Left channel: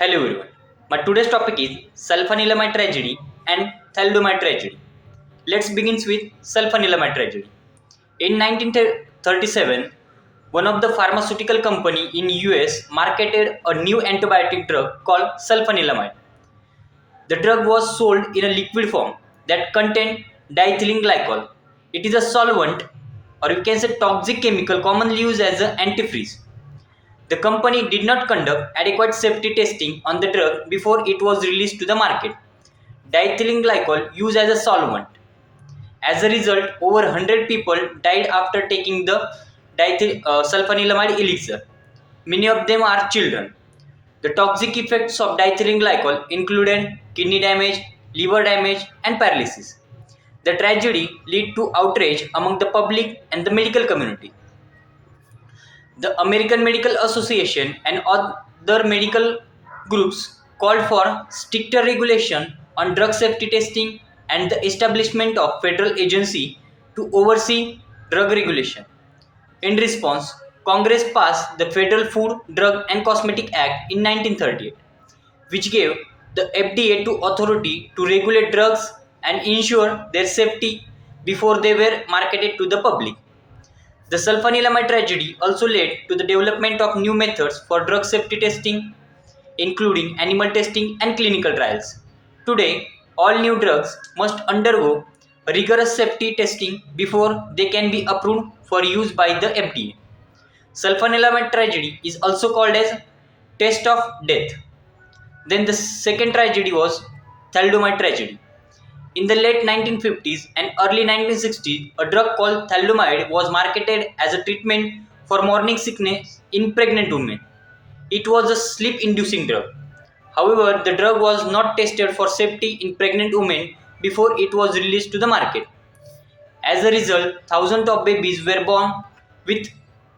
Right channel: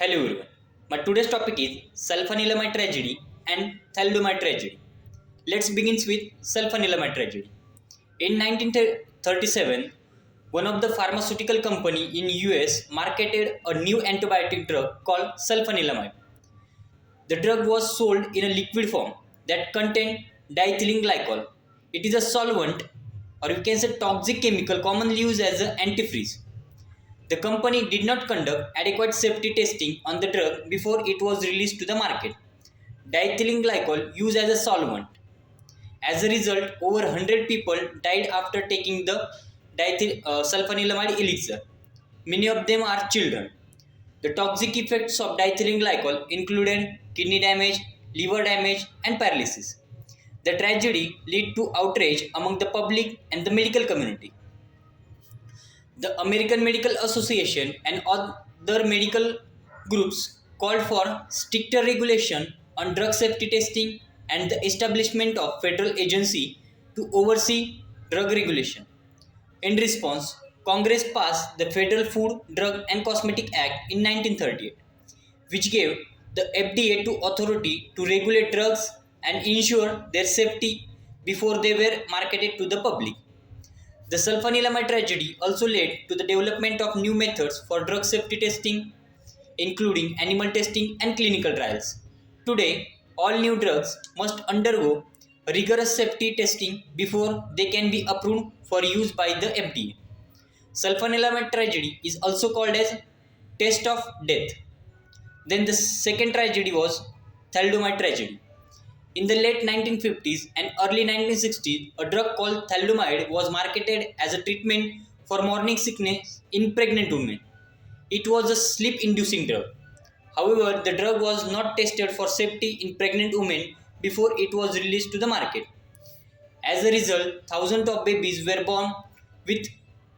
Hello everyone. My today's topic is sulfanilamide tragedy and thalidomide tragedy. Let's begin with sulfanilamide tragedy. In 1937, one of the pharmaceutical company in US marketed a new antibiotic drug called sulfanilamide. The drug was sold in a liquid form that contained diethylene glycol. It is a solvent, or you can say toxic chemical commonly used as an antifreeze. The company did not conduct adequate safety testing on the drug before it was released to the market. Diethylene glycol used as a solvent. As a result, over 100 people died after taking the sulfanilamide elixir. Many of them are children. The toxic effects of diethylene glycol included kidney damage, liver damage, and paralysis. The tragedy led to outrage among the public and the medical community. The American Medical Association and other medical groups called for stricter regulation on drug safety testing and the establishment of federal agency to oversee drug regulation. In response, Congress passed the Federal Food, Drug and Cosmetic Act in 1938, which gave the FDA to authority to regulate drugs and ensure their safety before they were marketed to the public. The sulfanilamide tragedy also led to the development of new methods for drug safety testing, including animal testing and clinical trials. Today, all new drugs must undergo rigorous safety testing before they can be approved for use by the FDA. Sulfanilamide tragedy is also called as test of death. Then the second tragedy was thalidomide tragedy. In the late 1950s and early 1960s, a drug called thalidomide was marketed as a treatment for morning sickness in pregnant women. It was a sleep-inducing drug. However, the drug was not tested for safety in pregnant women before it was released to the market. As a result, thousands of babies were born with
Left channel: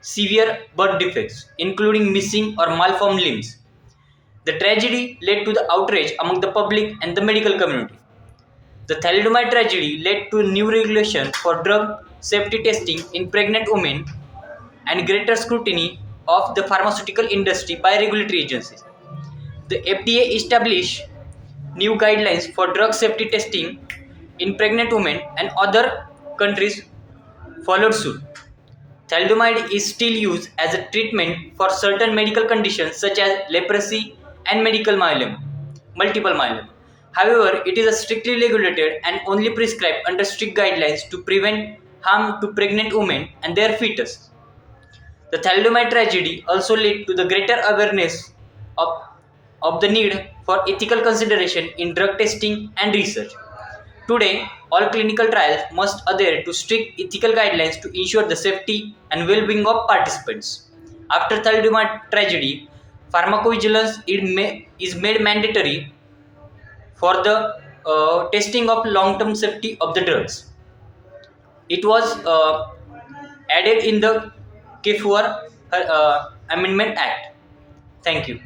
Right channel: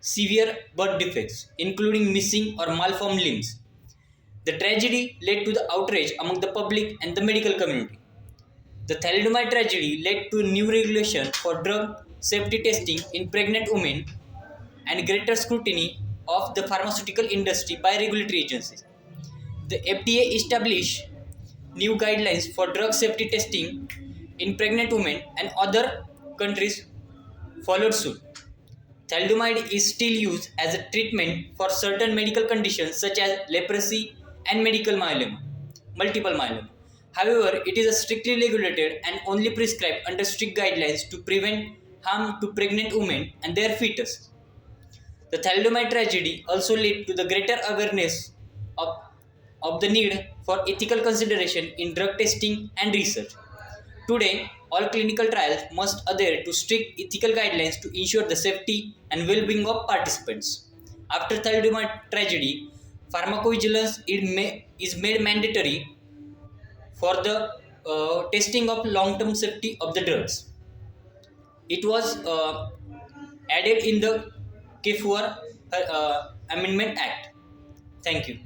severe birth defects, including missing or malformed limbs. The tragedy led to the outrage among the public and the medical community. The thalidomide tragedy led to new regulation for drug safety testing in pregnant women and greater scrutiny of the pharmaceutical industry by regulatory agencies. The FDA established new guidelines for drug safety testing in pregnant women, and other countries followed suit. Thalidomide is still used as a treatment for certain medical conditions such as leprosy and multiple myeloma. However, it is strictly regulated and only prescribed under strict guidelines to prevent harm to pregnant women and their fetus. The thalidomide tragedy also led to the greater awareness of, of the need for ethical consideration in drug testing and research. Today, all clinical trials must adhere to strict ethical guidelines to ensure the safety and well-being of participants. After thalidomide tragedy, pharmacovigilance is made mandatory for the testing of long-term safety of the drugs. It was added in the KFOR Amendment Act. Thank you.